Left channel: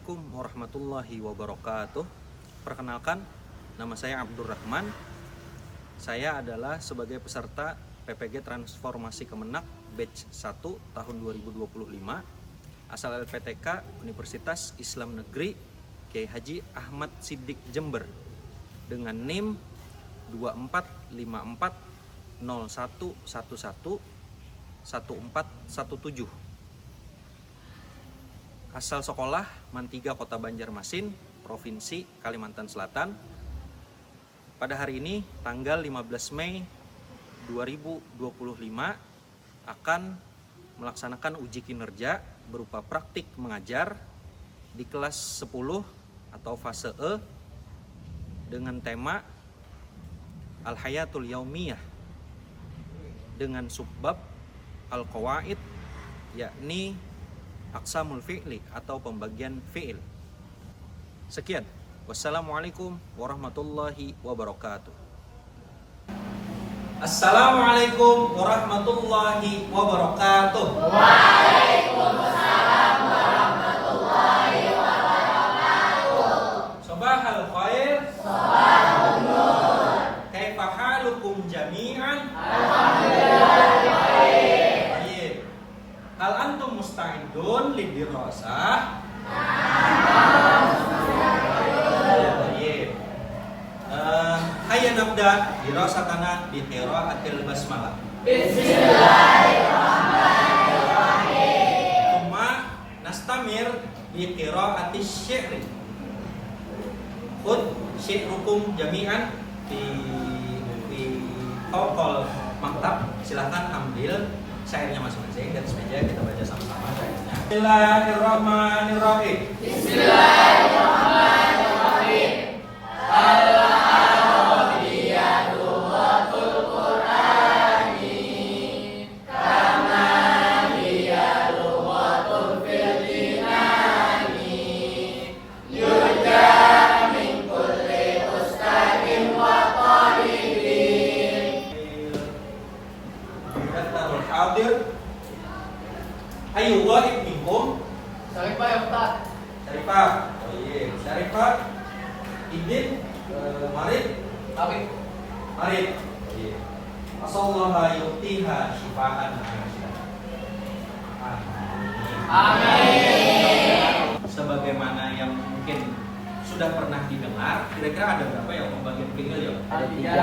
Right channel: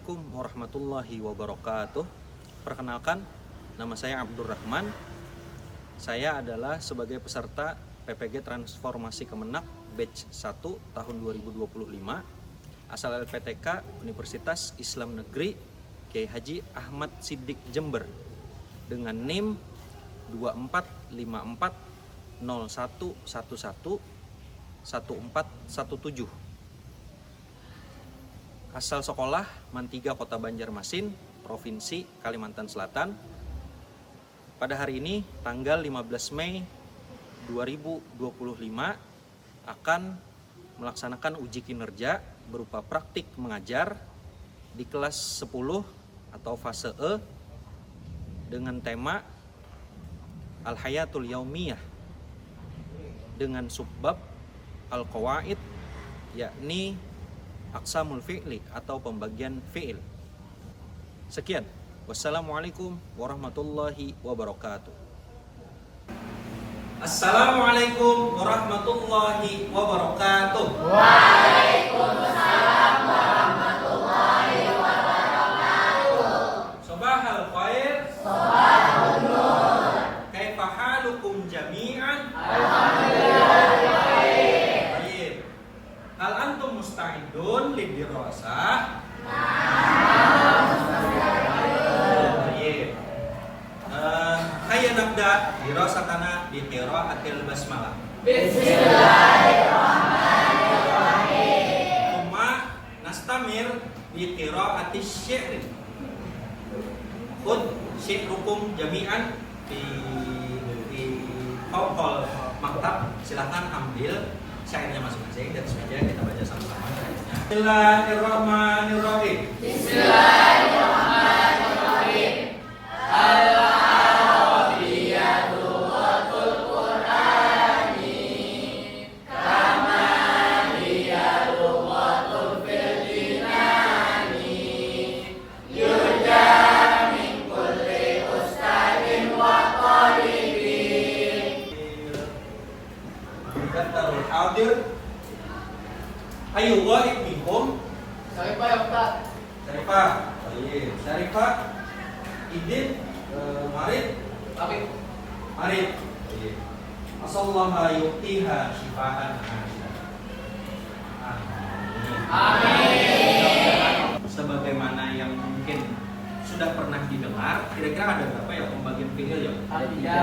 Assalamualaikum warahmatullahi wabarakatuh. Perkenalkan, nama saya Abdurrahman. Saya adalah sebagai peserta PPG Transformasi Kemenak Batch 1 tahun 2025 asal LPTK Universitas Islam Negeri Kiai Haji Ahmad Siddiq Jember dengan NIM 245401111417. Asal sekolah Mantiga Kota Banjarmasin, Provinsi Kalimantan Selatan. Pada hari ini, tanggal 15 Mei 2025, akan melaksanakan uji kinerja berupa praktik mengajar di kelas 10 atau fase E dengan tema Al-Hayatul Yaumiyah dengan subbab Al-Qawaid, yakni Aqsamul fi'li atau pembagian fi'il. Sekian. Wassalamualaikum warahmatullahi wabarakatuh. Assalamualaikum warahmatullahi wabarakatuh. Waalaikumsalam warahmatullahi wabarakatuh. Sabahal khair. Sabahul nur. Kaifa halukum jami'an? Alhamdulillah baik. Hal antum musta'idun lidirasah? Baik. Hayya nabda dirasatana bi qiraatil basmalah. Bismillahirrahmanirrahim. Thumma nastamir bi qiraatis syi'ri. Khud syi'rukum jami'an di tokol maktab. Silahkan ambil syairnya masing-masing dan meja, kita baca sama-sama syairnya. Bismillahirrahmanirrahim. Bismillahirrahmanirrahim. Al-Arabiyatul Ghatul Qur'ani kama hiya lughatul fil jinani yurja min kulli ustadin wa talibin. Darul hadir. Ayo wahid minkum. Syarifah ya Ustaz. Syarifah. Baik. Syarifah. Idin. Marid. Tapi Marid. Baik. Asallallahu yu'tiha shifaan. amin. Sebagaimana yang mungkin sudah pernah didengar, kira-kira ada berapa ya pembagian fi'il ya? Kira-kira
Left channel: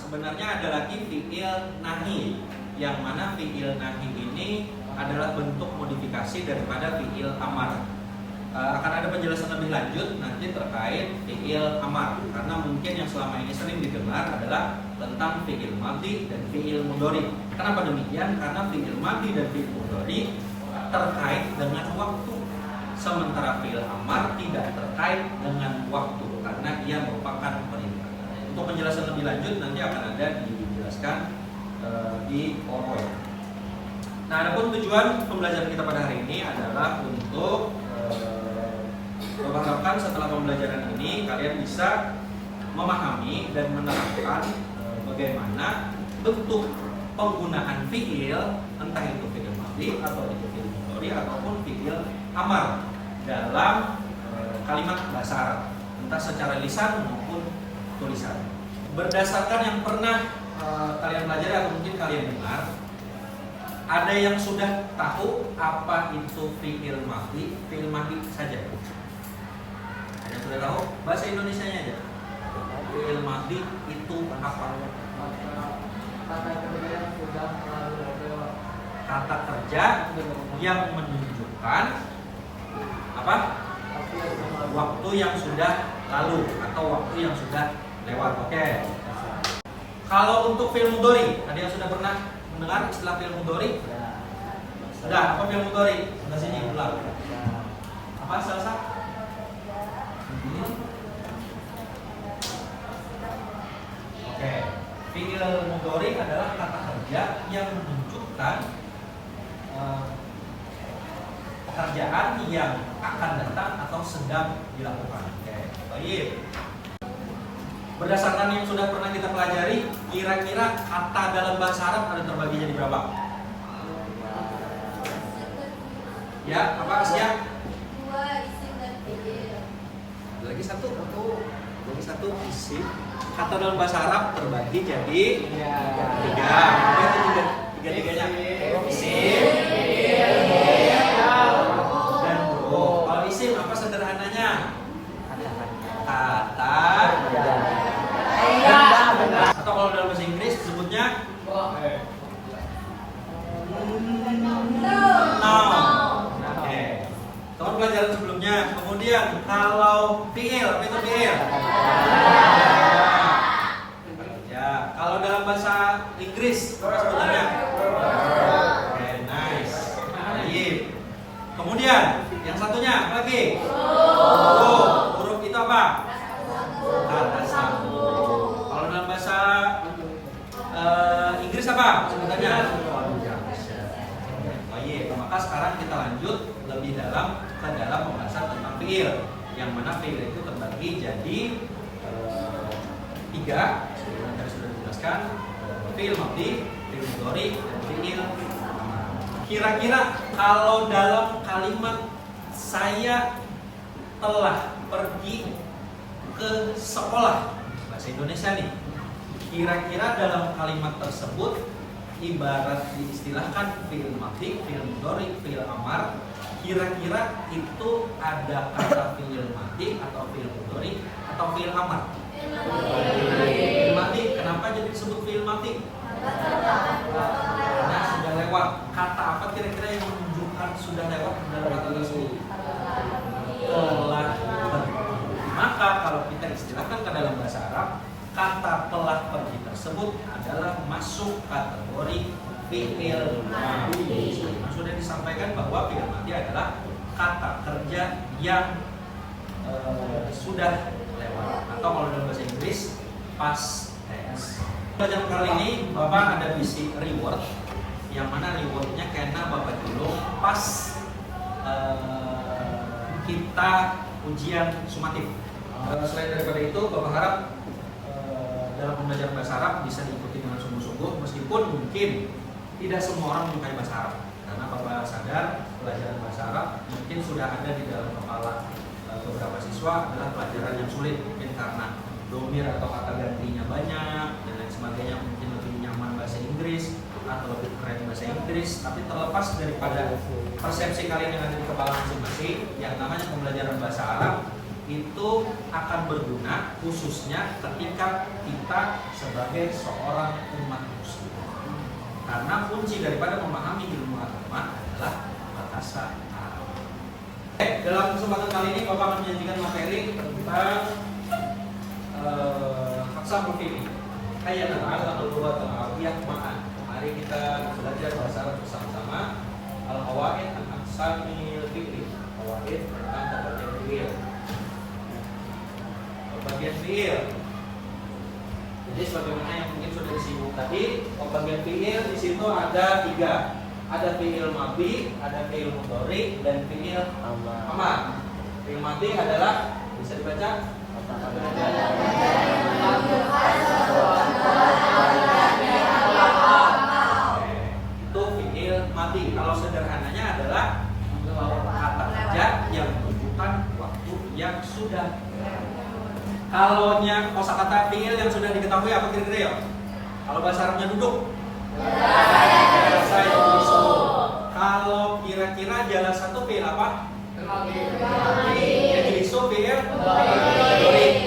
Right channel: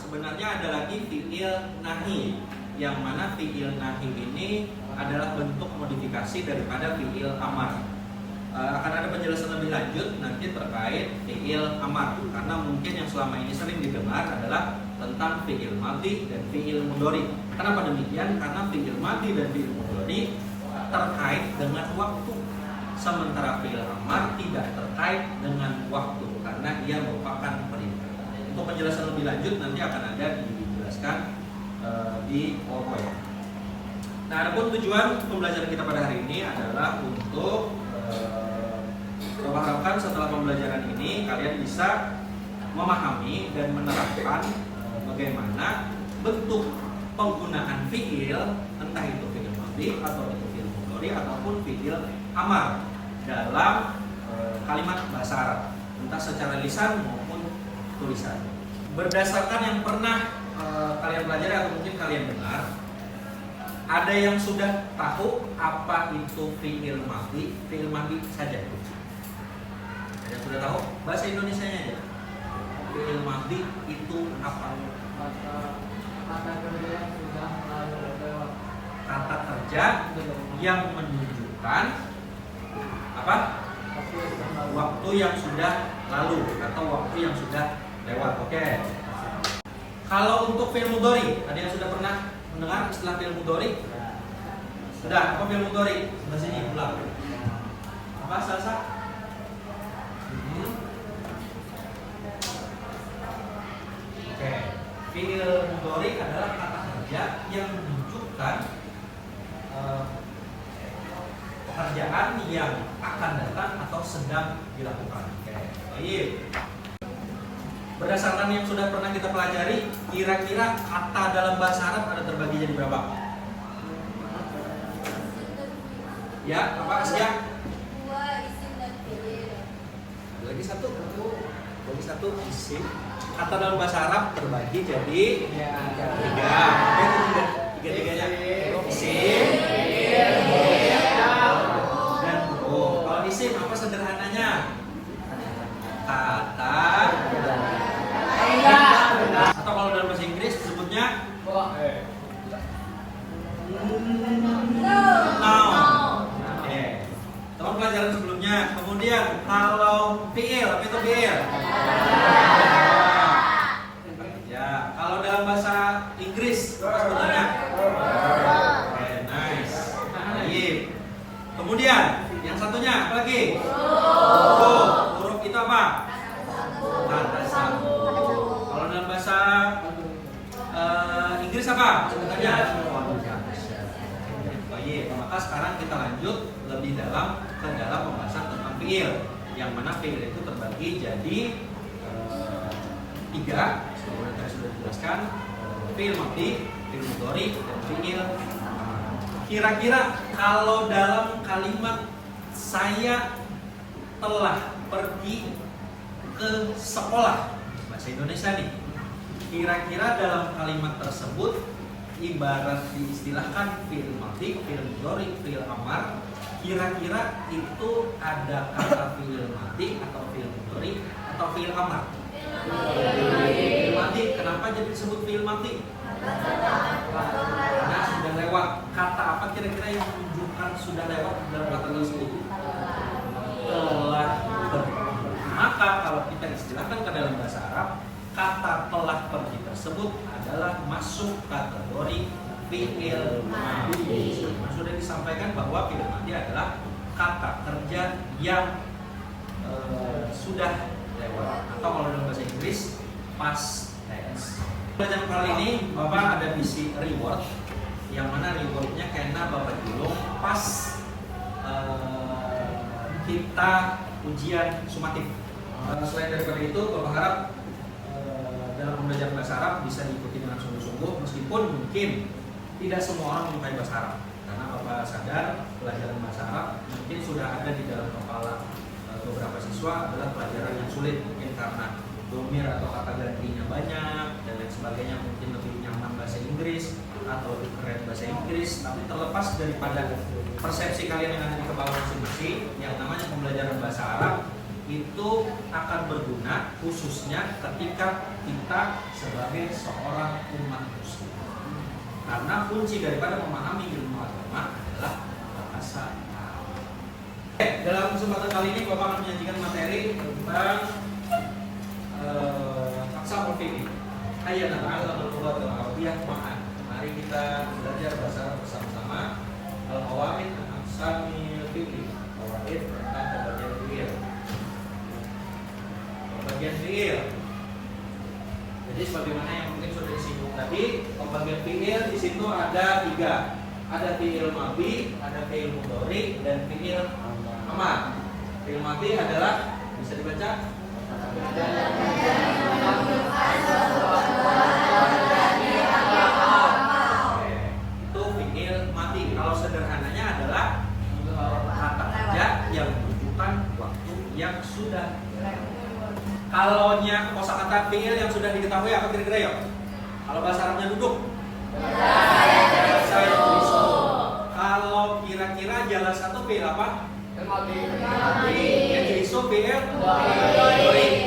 sebenarnya ada lagi fi'il nahi, yang mana fi'il nahi ini adalah bentuk modifikasi daripada fi'il amar. Akan ada penjelasan lebih lanjut nanti terkait fi'il amar, karena mungkin yang selama ini sering didengar adalah tentang fi'il madhi dan fi'il mudhari. Kenapa demikian? Karena fi'il madhi dan fi'il mudhari terkait dengan waktu, sementara fi'il amar tidak terkait dengan waktu karena ia merupakan perintah. Untuk penjelasan lebih lanjut nanti akan ada dijelaskan di PowerPoint. Nah, adapun tujuan pembelajaran kita pada hari ini adalah untuk mengharapkan setelah pembelajaran ini kalian bisa memahami dan menerapkan bagaimana bentuk penggunaan fi'il, entah itu fi'il madhi atau itu fi'il mudhari ataupun fi'il amar dalam kalimat bahasa Arab, entah secara lisan maupun tulisan. Berdasarkan yang pernah kalian pelajari atau mungkin kalian dengar, ada yang sudah tahu apa itu fi'il madhi? Fi'il madhi saja. Ada yang sudah tahu? Bahasa Indonesianya aja. Fi'il madhi itu apa? Kata kerja yang sudah lalu lewat. Kata kerja yang menunjukkan apa? Waktu yang sudah lalu atau waktu yang sudah lewat. Oke. Kalau untuk fi'il mudhari, ada yang sudah pernah mendengar istilah fi'il mudhari? Sudah. Apa fi'il mudhari? Sebelah sini ulang. Apa Salsa? Oke. Fi'il mudhari adalah kata kerja yang menunjukkan pekerjaan yang akan datang atau sedang dilakukan. Oke. Baik. Berdasarkan yang sudah pernah kita pelajari, kira-kira kata dalam bahasa Arab ada terbagi jadi berapa? Ya, apa siap? Dua isim dan fiil. Ada lagi satu, isim. Kata dalam bahasa Arab terbagi jadi tiga. Apa itu tiga-tiganya? Isim, dan huruf. Kalau isim apa sederhananya? Kata. Atau kalau dalam bahasa Inggris disebutnya noun. Oke. Teman pelajaran sebelumnya. Kemudian kalau fiil, apa itu fiil? Ya, kalau dalam bahasa Inggris apa sebutannya? Oke, nice. Baik. Kemudian yang satunya apa lagi? Huruf itu apa? Kata sambung. Kalau dalam bahasa Inggris apa sebutannya? Baik, maka sekarang kita lanjut lebih dalam ke dalam pembahasan tentang fiil. Yang mana fiil itu terbagi jadi tiga. Sebelumnya tadi sudah dijelaskan, fiil madhi, fiil mudhari, dan fiil amar. Kira-kira kalau dalam kalimat saya telah pergi ke sekolah, bahasa Indonesia nih, kira-kira dalam kalimat tersebut ibarat diistilahkan fiil madhi, fiil mudhari, fiil amar, kira-kira itu ada kata fiil madhi atau fiil mudhari atau fiil amar? Fiil madhi. Kenapa jadi disebut fiil madhi? Karena sudah lewat. Kata apa kira-kira yang menunjukkan sudah lewat dalam kata tersebut? Telah pergi. Maka kalau kita istilahkan ke dalam bahasa Arab, kata telah pergi tersebut adalah masuk kategori fiil madhi. Sudah disampaikan bahwa fiil madhi adalah kata kerja yang sudah lewat, atau kalau dalam bahasa Inggris past tense. Pelajaran kali ini Bapak ada misi reward, yang mana rewardnya karena Bapak julung pas kita ujian sumatif. Selain daripada itu, Bapak harap dalam pembelajaran bahasa Arab bisa diikuti dengan sungguh-sungguh, meskipun mungkin tidak semua orang menyukai bahasa Arab, karena Bapak sadar pelajaran bahasa Arab mungkin sudah ada di dalam kepala beberapa siswa adalah pelajaran yang sulit, mungkin karena domir atau kata gantinya banyak dan lain sebagainya, mungkin lebih nyaman bahasa Inggris atau lebih keren bahasa Inggris. Tapi terlepas daripada persepsi kalian yang ada di kepala masing-masing, yang namanya pembelajaran bahasa Arab itu akan berguna khususnya ketika kita sebagai seorang umat muslim, karena kunci daripada memahami ilmu agama adalah bahasa Arab. Dalam kesempatan kali ini Bapak akan menyajikan materi tentang aqsamul fi'il. Hayya nata'allamul lughatal arabiyyah ma'an. Mari kita belajar bahasa Arab bersama-sama. Al-qawaid an aqsamil fi'il. Qawaid tentang pembagian fi'il. Pembagian fi'il. Jadi sebagaimana yang mungkin sudah disinggung tadi, pembagian fi'il di situ ada tiga. Ada fi'il madhi, ada fi'il mudhari, dan fi'il amar. Fi'il madhi adalah, bisa dibaca? Itu fi'il madhi. Kalau sederhananya adalah kata kerja yang menunjukkan waktu yang sudah. Kalau kosakata fi'il yang sudah diketahui apa kira-kira ya? Kalau bahasa Arabnya duduk. Kalau kira-kira jalan satu fi'il apa? Yang isu fi'il.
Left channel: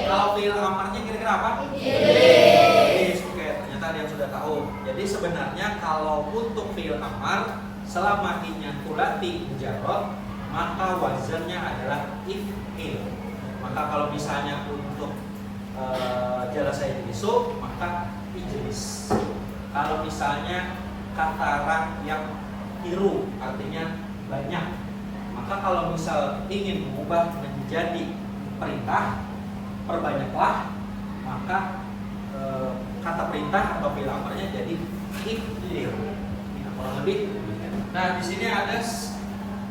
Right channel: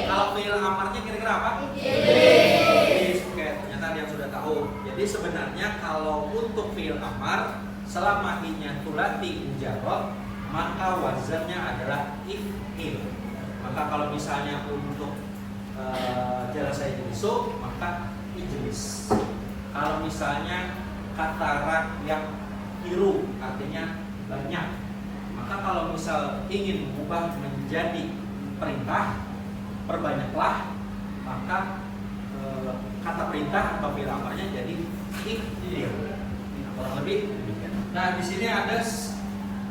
Kalau fi'il amarnya kira-kira apa? Oke, ternyata ada yang sudah tahu. Jadi sebenarnya kalau untuk fi'il amar, selama i-nya thulathi mujarrad, maka wazannya adalah if'il. Maka kalau misalnya untuk jalasah isu, maka ijlis. Kalau misalnya kata yang iru artinya banyak, maka kalau misal ingin mengubah menjadi perintah, perbanyaklah, maka kata perintah atau fi'il amarnya jadi if'il. Kurang lebih. Nah, di sini ada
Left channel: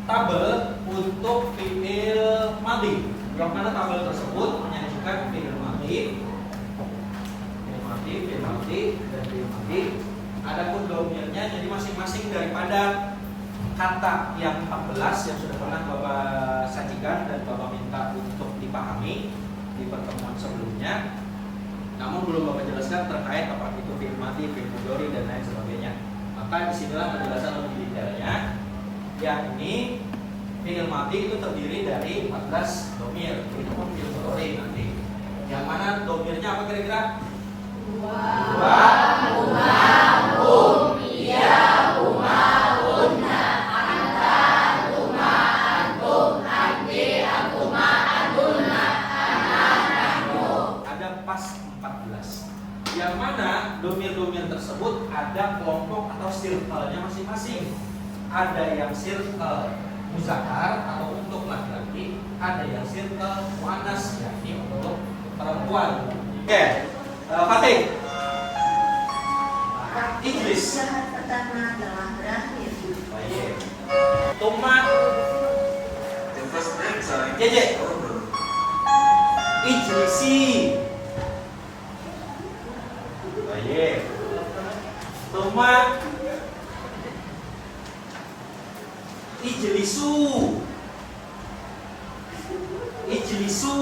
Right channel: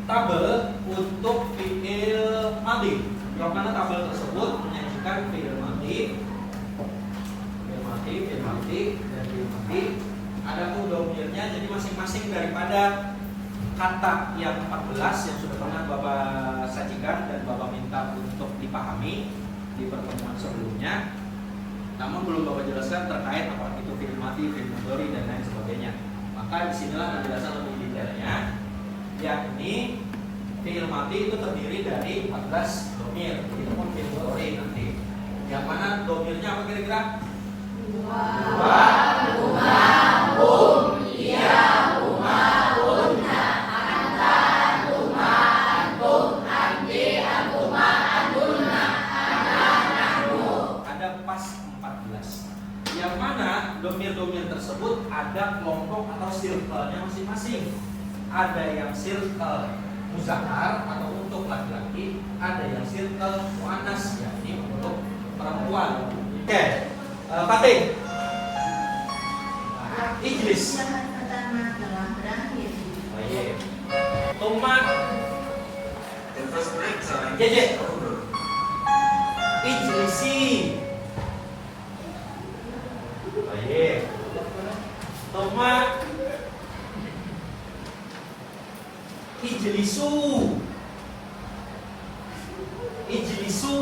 tabel untuk fi'il madhi, yang mana tabel tersebut menyajikan fi'il madhi fi'il madi, dan fi'il madi. Adapun domirnya jadi masing-masing daripada kata yang 14 yang sudah pernah Bapak sajikan dan Bapak minta untuk dipahami di pertemuan sebelumnya. Namun belum Bapak jelaskan terkait apa itu fi'il madi, fi'il mudhari dan lain sebagainya. Maka disinilah penjelasan lebih detailnya, yakni fi'il madi itu terdiri dari 14 domir. Itu pun fi'il mudhari nanti. Yang mana domirnya apa kira-kira? Dua, Iya, Una, Anta, Tuma, Antum, Anti, Antuma, Antuna, Ana, Nahnu. Ada pas 14. Yang mana domir-domir tersebut ada kelompok atau circle-nya masing-masing. Ada yang circle muzakkar atau untuk laki-laki, ada yang circle muannas yakni untuk perempuan. Oke, Fatih. Ijlis. Pertama telah berakhir. Tuma. Jeje. Ijlisi. Tuma. Ijlisu. Ijlisu.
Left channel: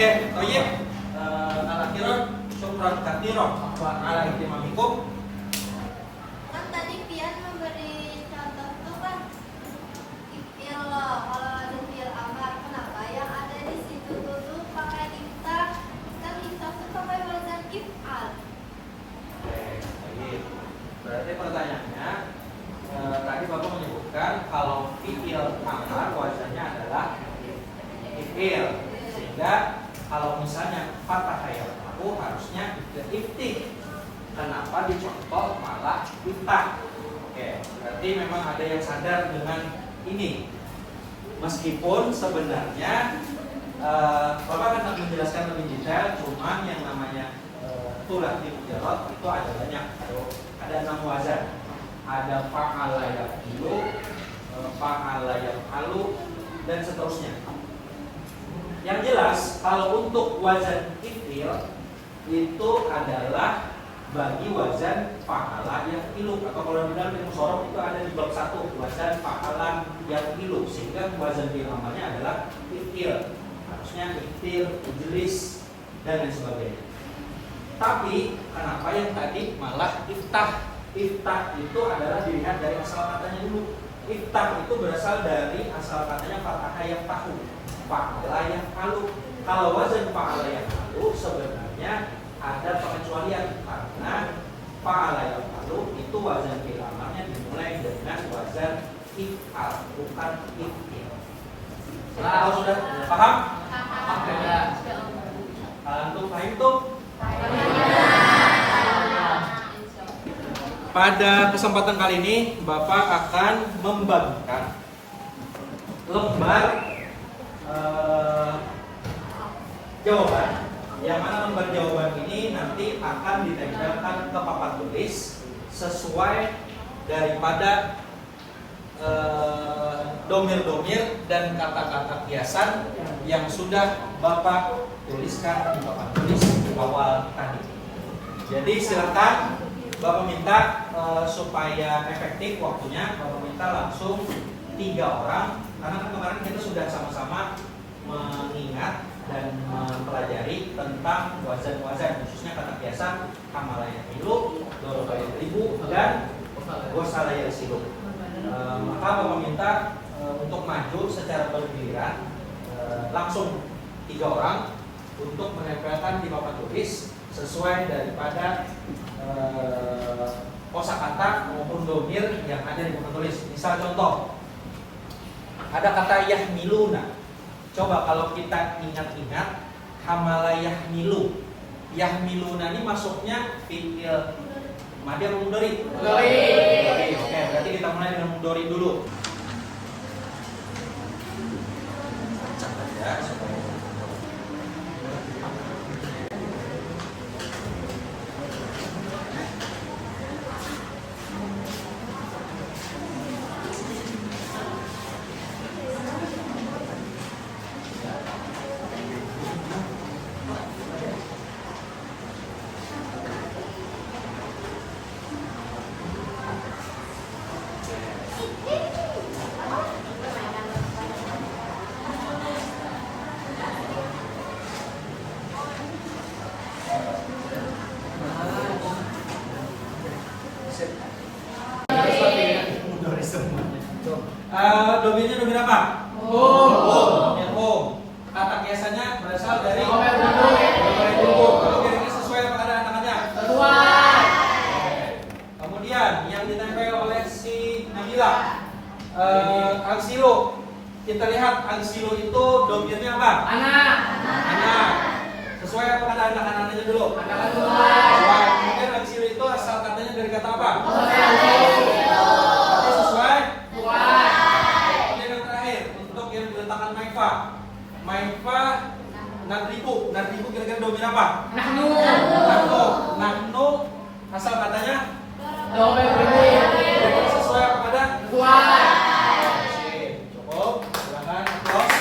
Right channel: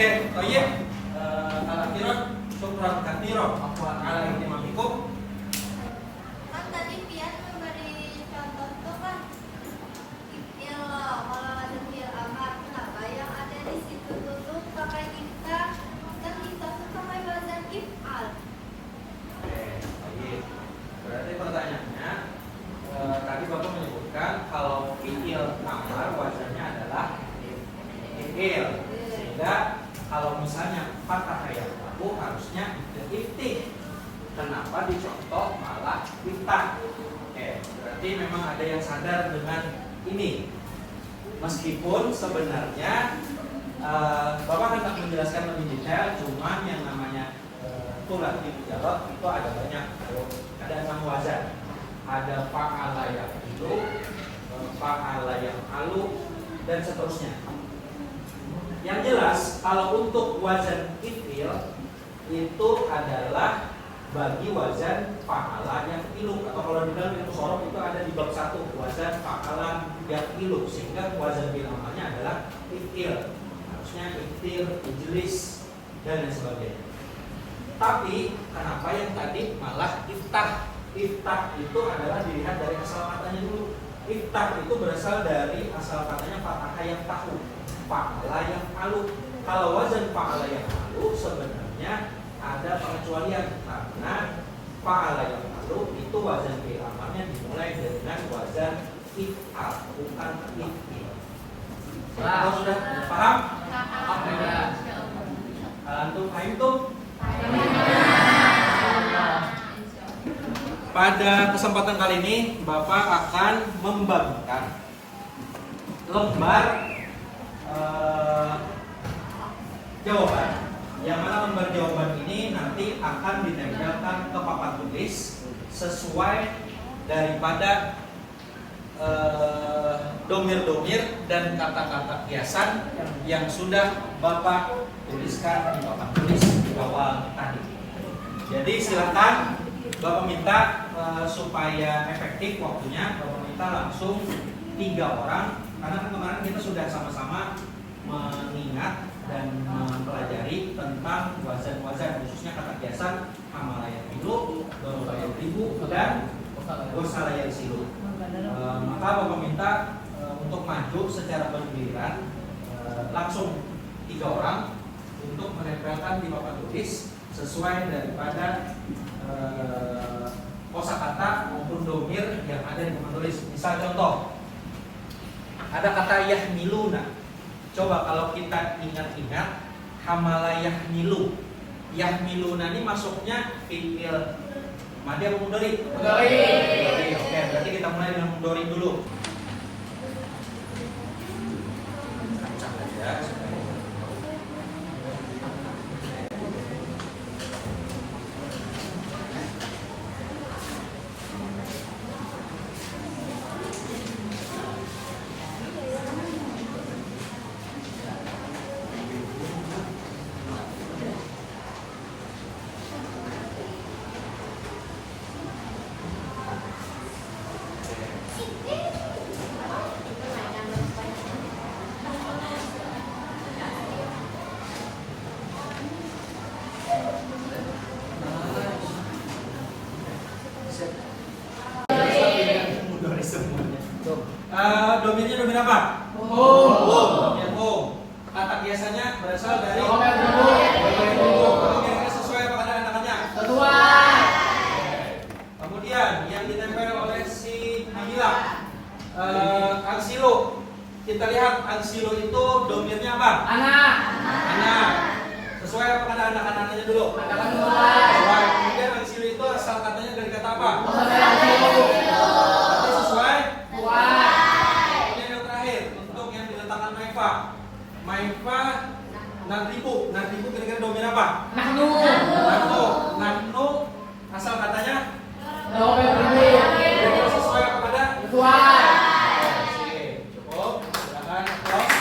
Oke, toyib. Al-akhirah syukran katsiran ala ihtimamikum. Kan tadi Pian memberi contoh itu kan ifil, kalau ada fiil amar, kenapa yang ada di situ dulu pakai iftah, kan iftah itu pakai wazan if'al. Oke, baik. Berarti pertanyaannya tadi Bapak menyebutkan kalau fi'il amar wazannya adalah if'il, sehingga kalau misalnya fathah kayak aku harusnya iftih. Kenapa dicontoh malah iftah? Oke, berarti memang ada yang sadar dengan ini. Meskipun sebenarnya Bapak akan menjelaskan lebih detail, cuma yang namanya tulah di mujarrad itu ada banyak. Ada 6 wazan. Ada fa'ala yaf'ilu, fa'ala yaf'alu, dan seterusnya. Yang jelas kalau untuk wazan if'il itu adalah bagi wazan fa'ala yaf'ilu, atau kalau di dalam ilmu shorof itu ada di bab 1 wazan fa'ala yaf'ilu, sehingga wazan fi'il amalnya adalah if'il. Harusnya if'il, ijlis, dan lain sebagainya. Tapi kenapa yang tadi malah iftah? Iftah itu adalah dilihat dari asal katanya dulu. Iftah itu berasal dari asal katanya fathah yang tahu, fa'ala yang malu. Kalau wazan fa'ala yang malu sebenarnya ada pengecualian, karena fa'ala yang malu itu wazan fi'il amalnya dimulai dengan wazan if'al, bukan if'il. Kalau sudah paham? Antum paham tuh? Pada kesempatan kali ini Bapak akan membagikan lembar jawaban, yang mana lembar jawaban ini nanti akan ditempelkan ke papan tulis sesuai daripada domir-domir dan kata-kata kiasan yang sudah Bapak tuliskan di papan tulis di awal tadi. Jadi silakan Bapak minta supaya efektif waktunya, Bapak minta langsung 3 orang, karena kemarin kita sudah sama-sama mengingat dan mempelajari tentang wazan-wazan, khususnya kata kiasan hamalaya filu, dorobaya ribu, dan gosalaya isilu. Maka Bapak minta untuk maju secara bergiliran, langsung 3 orang untuk menempelkan di papan tulis sesuai daripada kosakata maupun domir yang ada di papan tulis. Misal contoh, ada kata yahmiluna. Coba kalau kita ingat-ingat hamala yahmilu. Yahmiluna ini masuknya fi'il madi apa mudhari? Mudhari. Oke, berarti kita mulai dengan mudhari dulu. Acak aja supaya Domainnya domain apa? Domain home. Kata biasanya berasal dari domain home. Kalau kira-kira sesuai apa ada anak-anaknya? Sesuai. Kemudian yang ditempel oleh si Nabila, Angsilo. Kita lihat Angsilo itu domainnya apa? Anak. Anak. Sesuai apa kata anak-anaknya dulu? Anak sesuai. Sesuai. Kemudian Angsilo itu asal katanya dari kata apa? Berarti sesuai. Kemudian yang terakhir untuk yang diletakkan Maifa. Maifa Nadribu kira-kira domain apa? Nahnu asal katanya kira-kira sesuai apa pada? Oke, cukup. Silakan applause.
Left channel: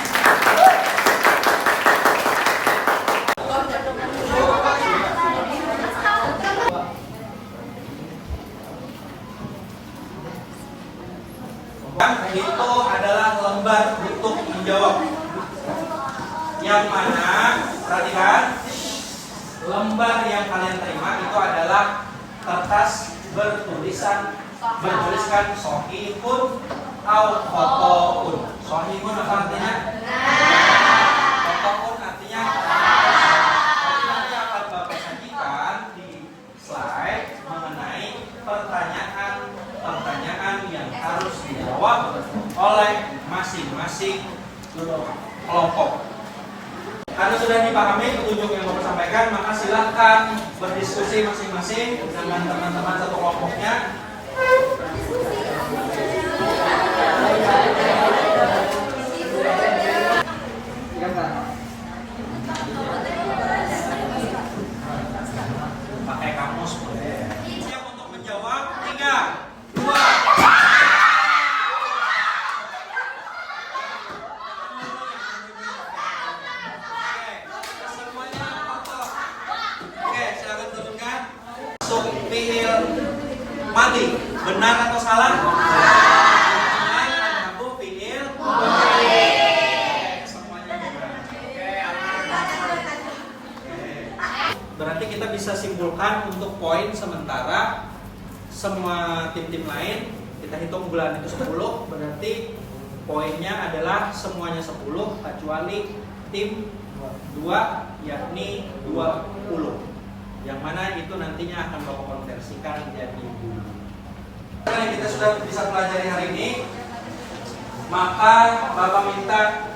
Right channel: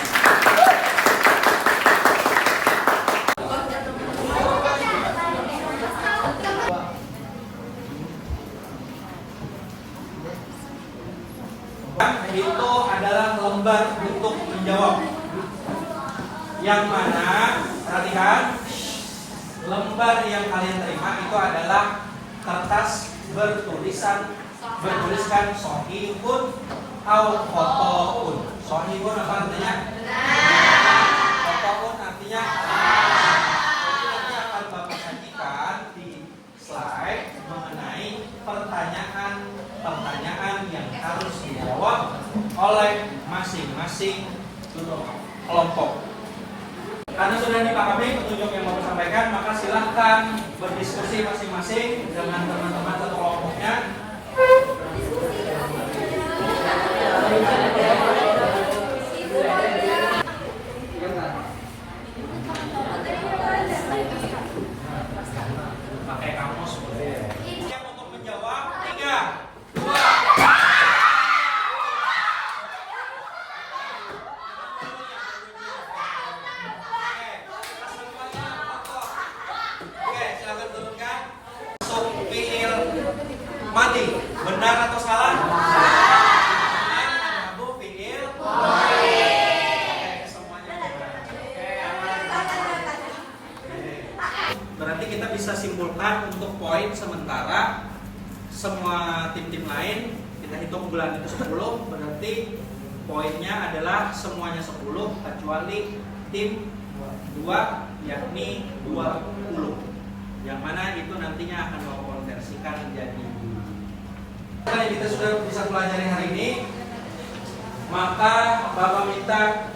Itu adalah lembar untuk menjawab. Yang mana, perhatikan, lembar yang kalian terima itu adalah kertas bertuliskan sohihun atau fotoun. Sohihun apa artinya? Fotoun artinya. Jadi nanti akan Bapak sajikan di slide mengenai pertanyaan yang harus dijawab oleh masing-masing kelompok. Karena sudah dipahami petunjuk yang Bapak sampaikan, maka silahkan berdiskusi masing-masing dengan teman-teman satu kelompoknya. Pakai kamus boleh. Siap untuk menjawab? 3, 2. Mati, benar atau salah? Aku fiil. Semuanya benar. Berarti kita bisa simpulkan untuk poin sementara semua tim-tim lain kita hitung bulan itu 10, berarti poinnya adalah semuanya 10 kecuali tim 2 yakni 20. Yang mana itu nantinya akan Bapak konversikan menjadi yang kita sudah bisa pelajari hari ini, maka Bapak minta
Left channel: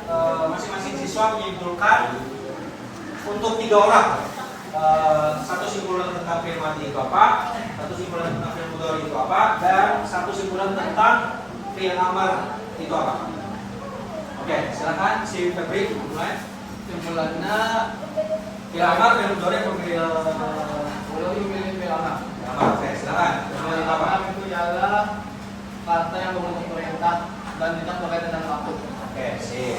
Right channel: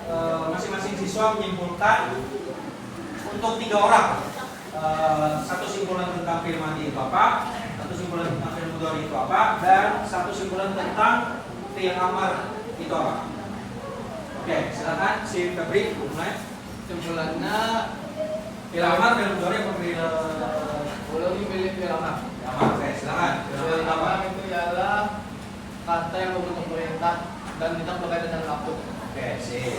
masing-masing siswa menyimpulkan untuk 3 orang. Satu simpulan tentang firman itu apa, satu simpulan tentang fi'il mudhari itu apa, dan satu simpulan tentang fi'il amar itu apa. Oke, silakan si Febri mulai. Simpulannya Fi'il amar, fi'il mudhari, fi'il belum memilih fi'il amar. Oke, silakan. Fi'il amar itu ialah kata yang membentuk perintah dan tidak berkaitan dengan waktu. Oke, sip.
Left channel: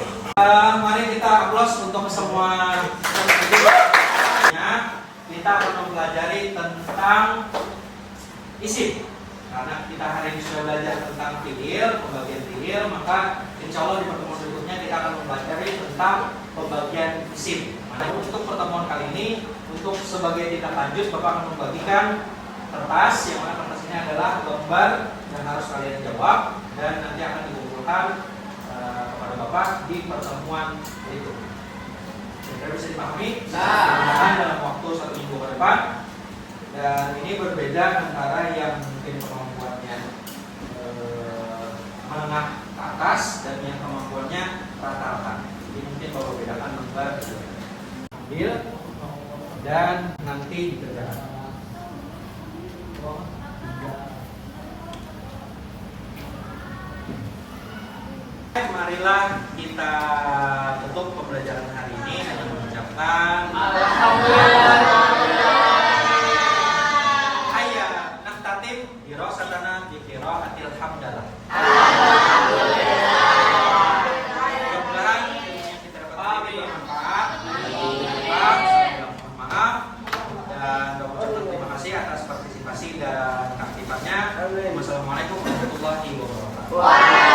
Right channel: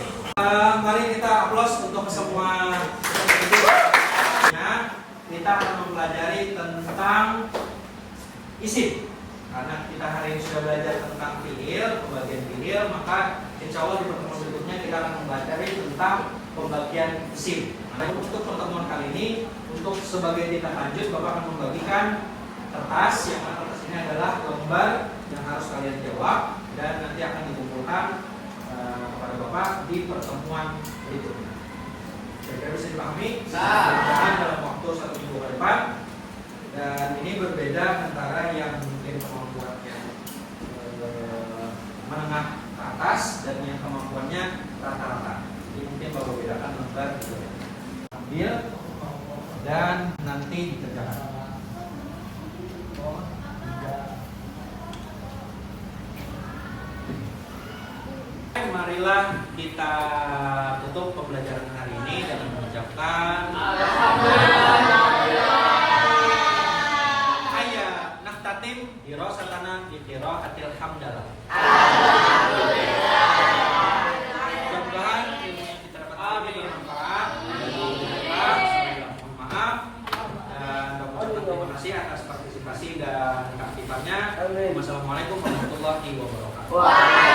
Mari kita aplaus untuk semua kita akan mempelajari tentang isim. Karena kita hari ini sudah belajar tentang fi'il, pembagian fi'il, maka insya Allah di pertemuan berikutnya kita akan mempelajari tentang pembagian isim. Nah, untuk pertemuan kali ini, untuk sebagai tindak lanjut, Bapak akan membagikan kertas, yang mana kertas ini adalah lembar yang harus kalian jawab dan nanti akan dikumpulkan kepada Bapak di pertemuan berikutnya. Kira-kira bisa dipahami? Mudah-mudahan dalam waktu 1 minggu ke depan. Dan ini berbeda antara yang mungkin kemampuannya menengah ke atas dan yang kemampuannya rata-rata. Jadi mungkin kalau bedakan lembar gitu. Ambil dan nanti dikerjakan. Marilah kita tutup pembelajaran hari ini dengan mengucapkan Ayya naktatim dirasatana bi qiraatil hamdalah. Mudah-mudahan yang kita dapat bermanfaat. Maaf dan terima kasih atas partisipasi dan keaktifannya. Wassalamualaikum warahmatullahi wabarakatuh.